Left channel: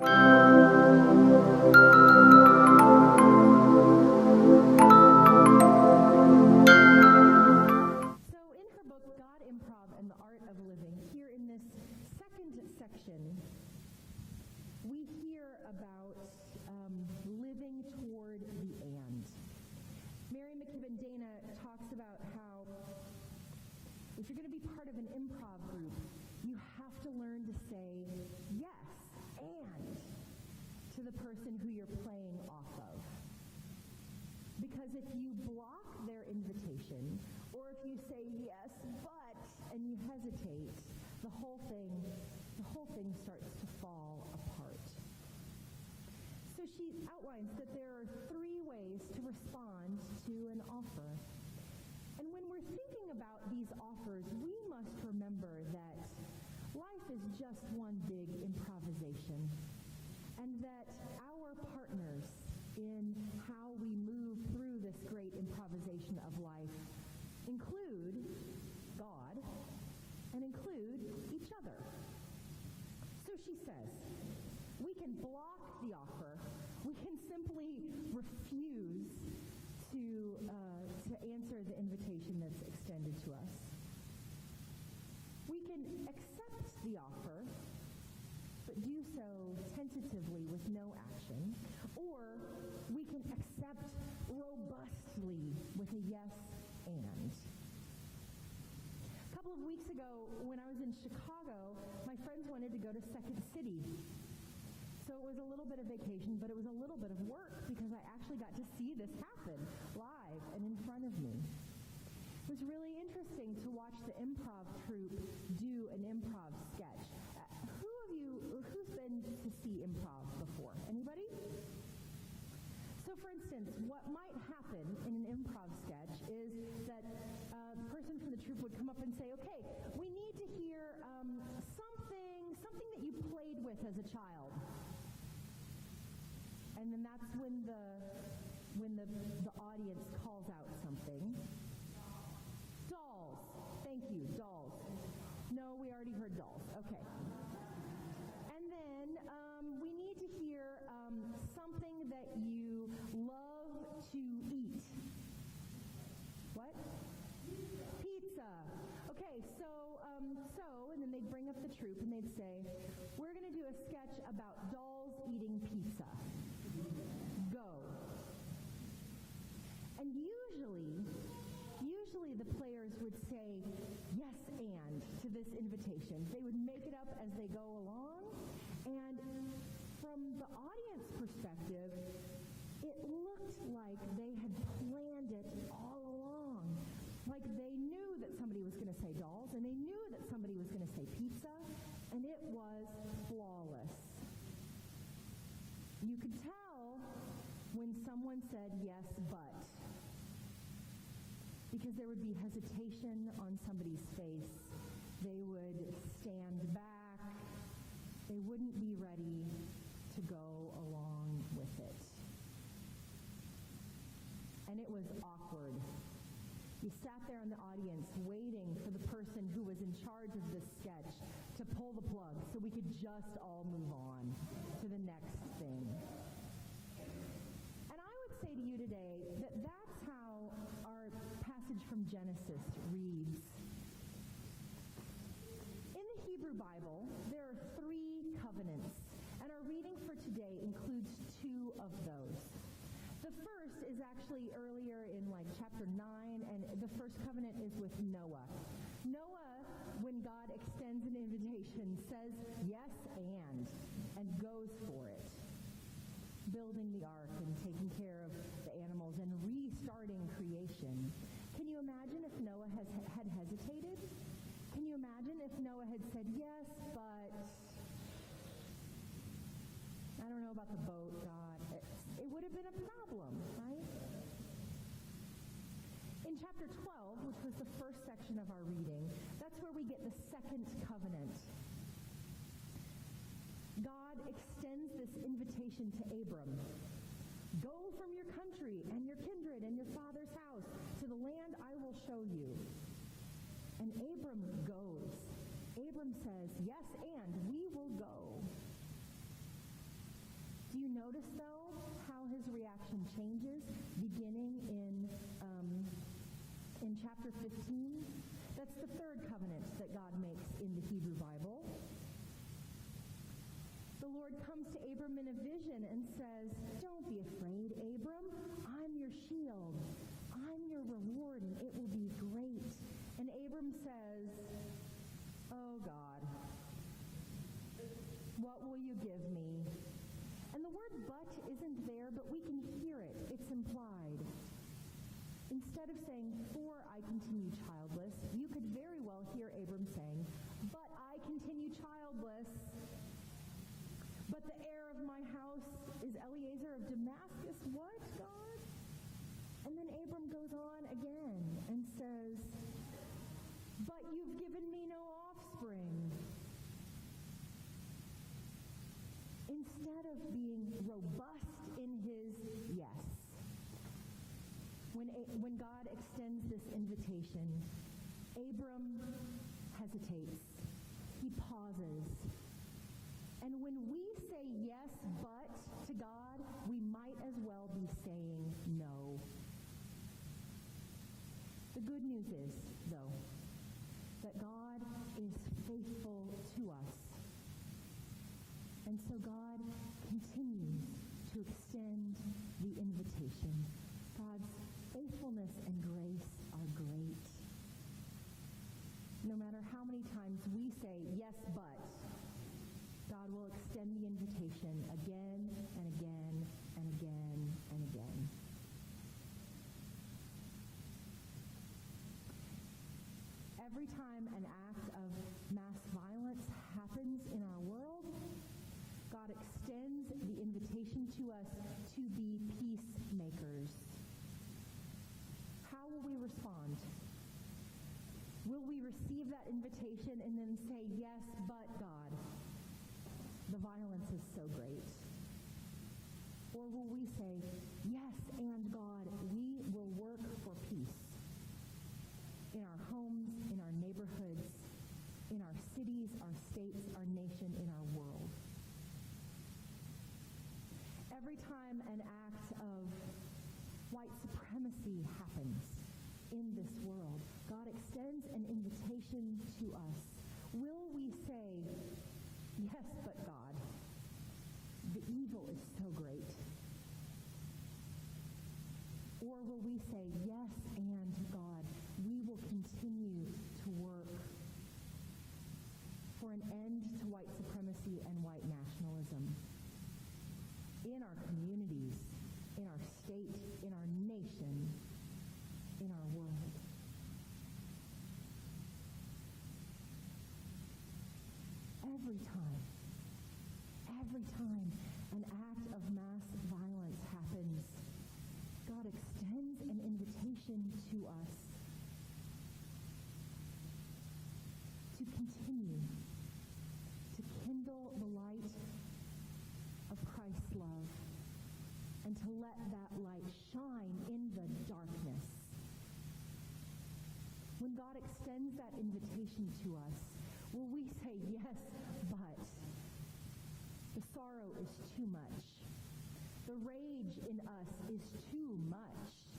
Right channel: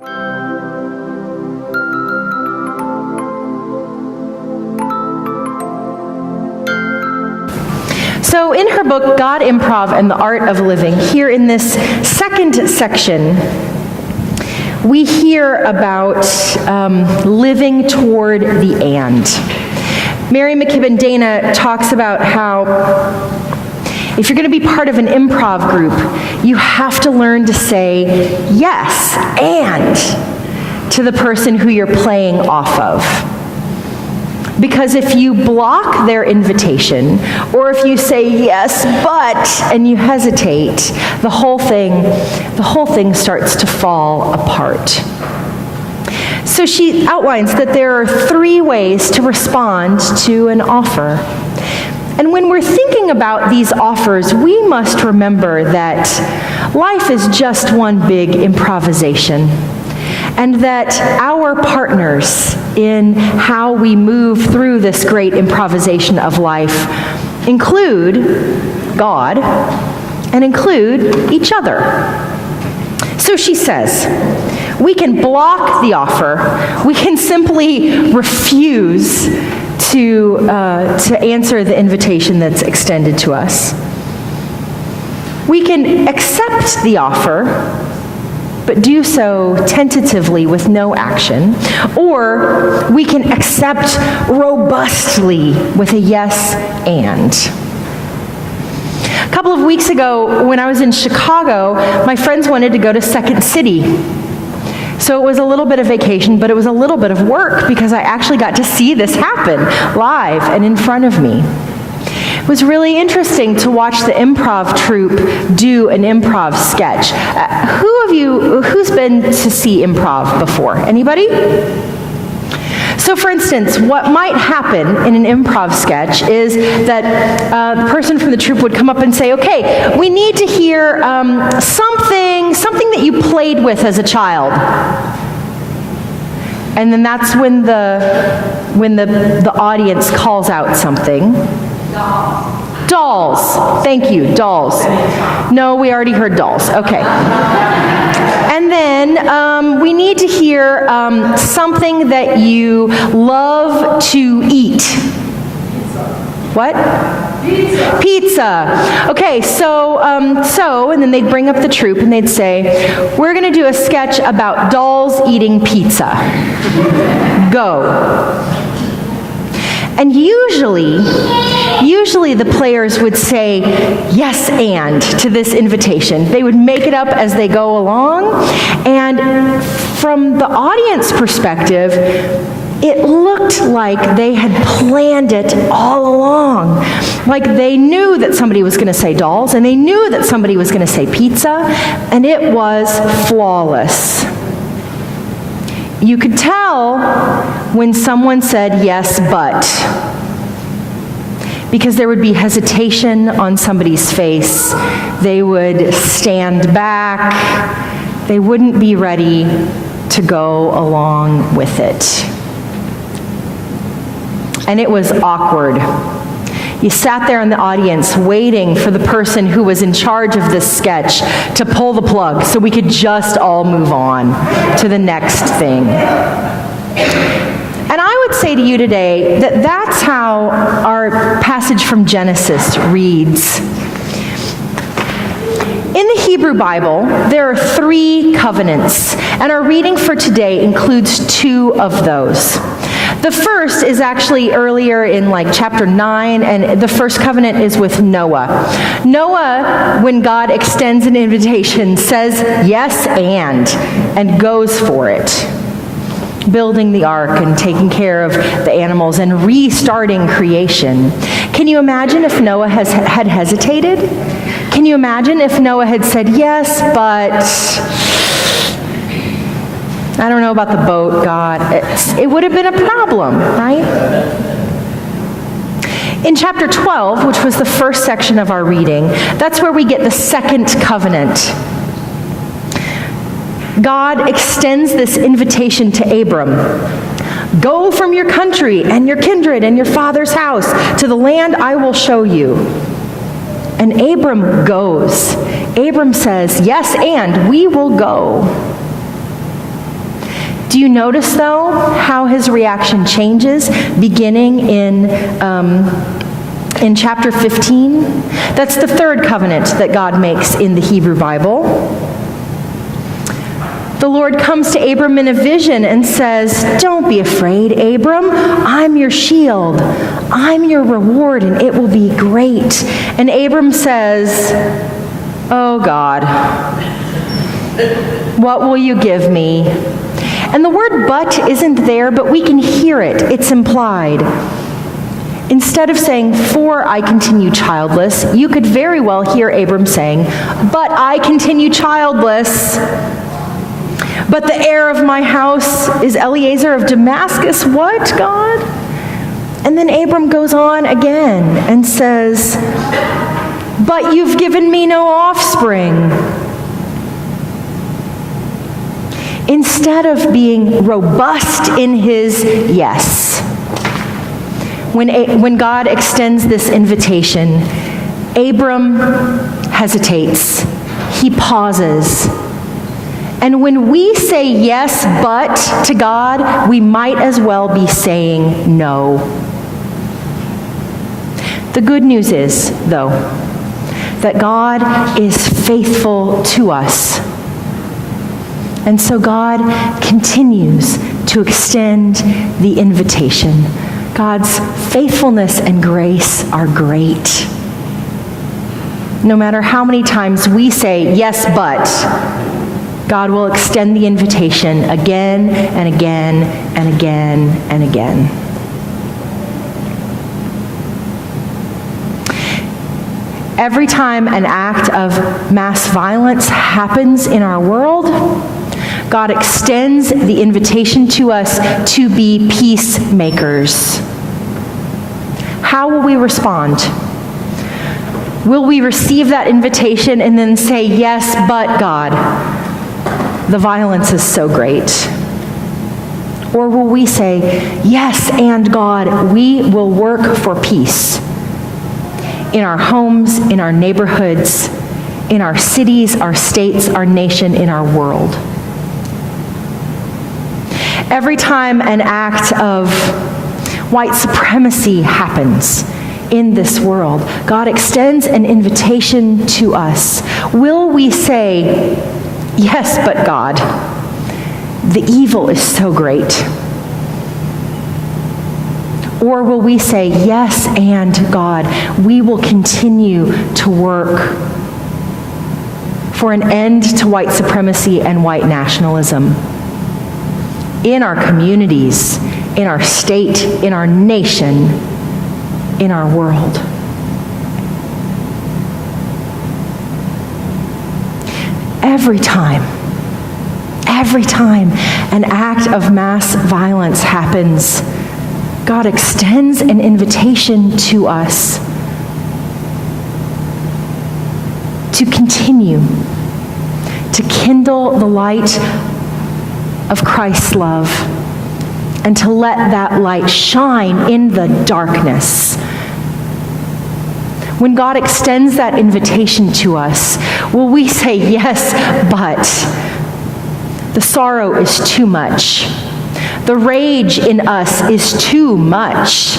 So in her book, God, Improv, and the Art of Living, here in this second section, we hear about living toward the and. Mary McKibben Dana talks about how if you're going to be part of an improv group, you have to learn to say yes and to the person who you're playing off of. Because if you block their invitation, or if you say yes, but, and you hesitate, the whole thing starts to fall apart. So she outlines that there are 3 ways to respond to an offer. And when we're thinking about these offers, we must remember that life is just one big improvisation, and that our partners in how we move through this great improvisation of life include God and include each other. So she says, we can block the offer. We can simply refuse to answer the invitation that's extended to us. We can accept the offer, but do so tentatively with no action, or we can accept robustly with a yes and. A couple of weeks ago, when I was in Chicago, my friends wanted to go to Second City. So it was a little bit of vacation, but it was a little bit of work because I actually got to see this happen live and in front of me. It was really interesting to watch the improv troupe do an improv sketch. Who's been to see improv before? Anybody? So for instance, what might happen in an improv sketch is that the person from the troupe would come up and say, okay, we need to hear something that you played with as a child. And then that's when the audience calls out something. Dolls. Thank you, dolls. No, we already heard dolls. Okay. And then we need to hear something that you love to eat. What? Pizza. Okay, so, and then they'd bring up the troupe and they'd say, we're going to do a sketch about dolls eating pizza. Go. And usually the players would say yes and to this invitation. They would make it up as they go along, and from the audience perspective, it looked like they had planned it all along. Like they knew that somebody was going to say dolls, and they knew that somebody was going to say pizza, and it was flawless. You could tell when someone said yes, but, because there would be hesitation on somebody's face. They would stand back. They wouldn't be ready to go along with it. And it was awkward. You sat there in the audience waiting for the person who was in charge of this sketch to pull the plug so we could just all move on to the next thing. And I would say to you today that that's how our passage from Genesis reads. In the Hebrew Bible, there are 3 covenants, and our reading for today includes 2 of those. The first is actually earlier in chapter 9, and the first covenant is with Noah. Noah, when God extends an invitation, says yes and goes for it. Building the ark and taking care of the animals and restarting creation. Can you imagine if Noah had hesitated? Can you imagine if Noah had said, yes, but I don't know about the boat, God. It would have been a problem, right? In chapter 12, which was the first section of our reading, that's where we get the second covenant. God extends this invitation to Abram. Go from your country and your kindred and your father's house to the land I will show you. And Abram goes. Abram says, yes, and we will go. Do you notice, though, how his reaction changes beginning in chapter 15? That's the third covenant that God makes in the Hebrew Bible. The Lord comes to Abram in a vision and says, "Don't be afraid, Abram. I'm your shield. I'm your reward, and it will be great." And Abram says, "Oh God, what will you give me?" And the word "but" isn't there, but we can hear it. It's implied. Instead of saying, "For I continue childless," you could very well hear Abram saying, "But I continue childless. But the heir of my house is Eliezer of Damascus." What, God? And then Abram goes on again and says, "But you've given me no offspring." Instead of being robust in his yes, when God extends this invitation, Abram hesitates. He pauses. And when we say yes, but to God, we might as well be saying no. The good news is, though, that God is faithful to us. And so God continues to extend the invitation. God's faithfulness and grace are great. No matter how many times we say, "Yes, but," God will extend the invitation again and again and again and again. Every time an act of mass violence happens in our world, God extends the invitation to us to be peacemakers. How will we respond? Will we receive that invitation and then say, "Yes, but God, the violence is so great"? Or will we say, "Yes, and God, we will work for peace in our homes, in our neighborhoods, in our cities, our states, our nation, in our world"? Every time an act of white supremacy happens in this world, God extends an invitation to us. Will we say, "Yes, but God, the evil is so great"? Or will we say, "Yes, and God, we will continue to work for an end to white supremacy and white nationalism in our communities, in our state, in our nation, in our world"? Every time an act of mass violence happens, God extends an invitation to us to continue to kindle the light of Christ's love and to let that light shine in the darkness. When God extends that invitation to us, will we say, "Yes, but the sorrow is too much. The rage in us is too much.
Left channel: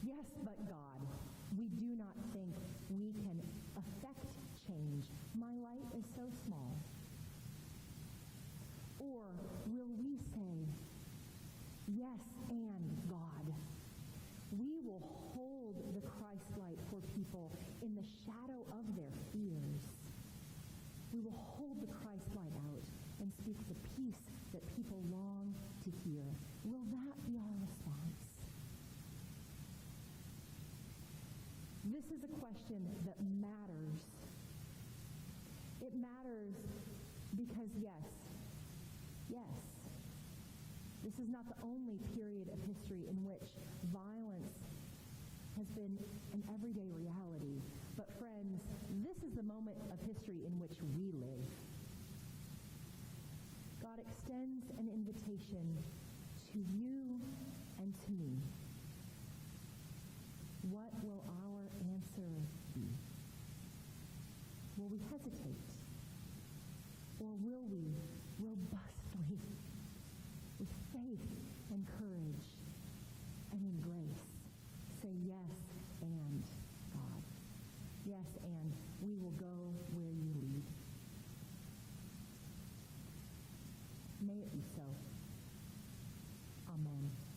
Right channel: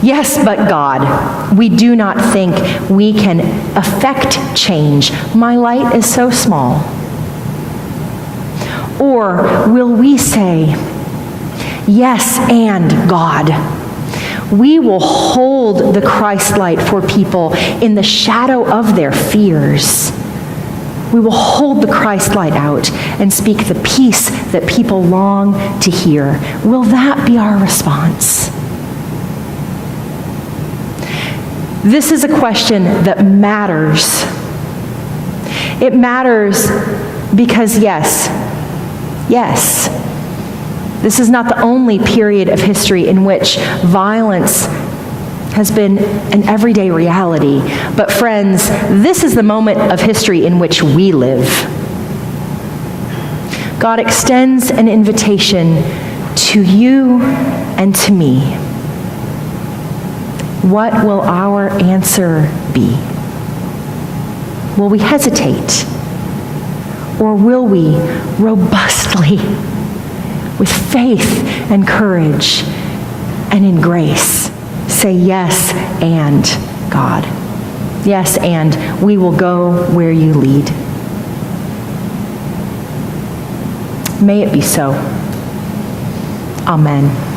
Yes, but God, we do not think we can affect change. My light is so small"? Or will we say, "Yes, and God, we will hold the Christ light for people in the shadow of their fears. We will hold the Christ light out and speak the peace that people long to hear"? Will that be our response? This is a question that matters. It matters because yes, this is not the only period of history in which violence has been an everyday reality. But friends, this is the moment of history in which we live. God extends an invitation to you and to me. What will our answer be? Will we hesitate? Or will we robustly with faith and courage and in grace. Say yes, and God. Yes, and we will go where you lead. May it be so. Amen.